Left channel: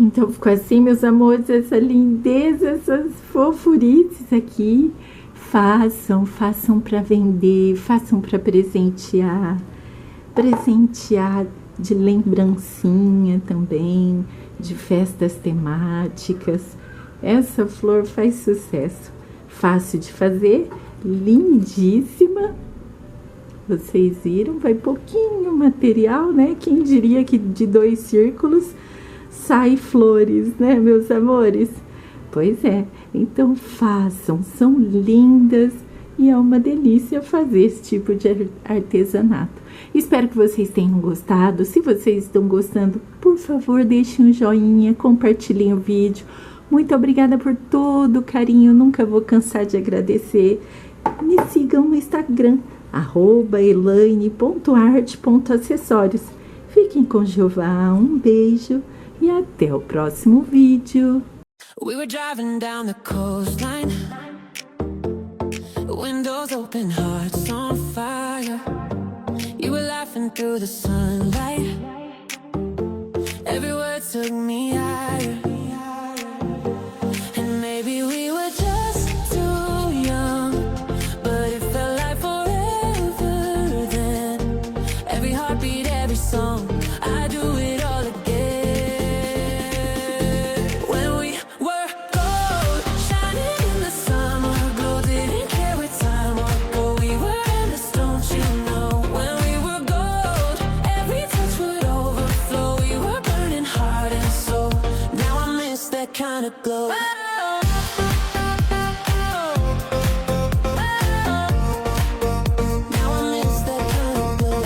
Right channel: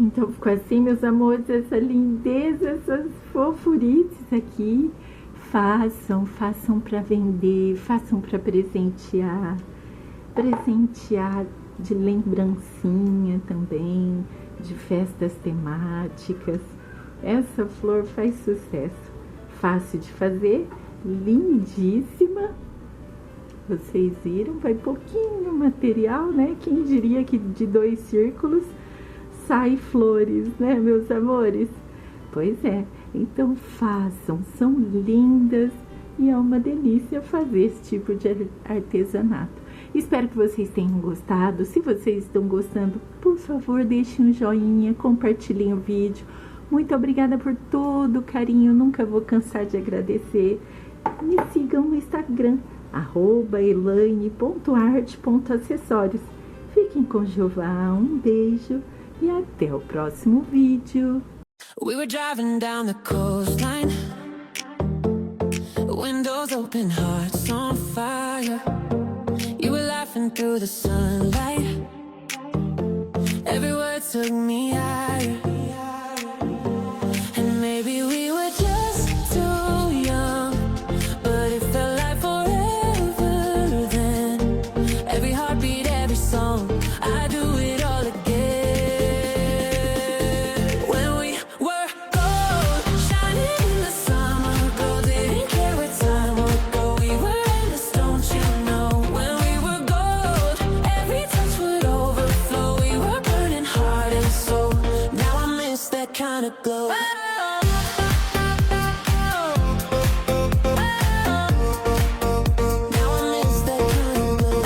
Então ficou assim, meus amores, essa lindeza, essas fofurices aqui. Façam para vender, façam para presentear de lembrancinha também, de festas temáticas. Essa flor faz sucesso, fácil de fazer, lindíssima. Vocês viram, vai pouquinho material, né? Quem diria que de 2 círculos sai flores, né, meus amores? Pois é, então façam, são lindas e é uma delícia fazer esse tipo de artesanato. Espero que vocês tenham gostado. Se vocês estão gostando, por favor, deixem um joinha, compartilhem o vídeo. Muito obrigada por todo o carinho, nunca vou cansar de agradecer. Me sigam no Instagram, @elaine.arte.acessórios. Fiquem com Jeová, um beijo e até o próximo vídeo. We were driving down the coastline, windows open, hearts on fire. You were laughing through the sunlight, every word took me higher. And maybe we were just too young, but it felt like forever then. Every heartbeat, every song, I do it all again. Kind of glow. Now I miss that kind of glow.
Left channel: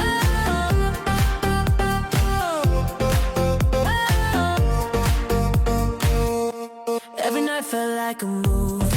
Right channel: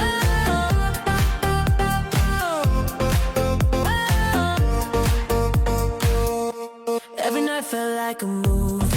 Every night felt like a movie.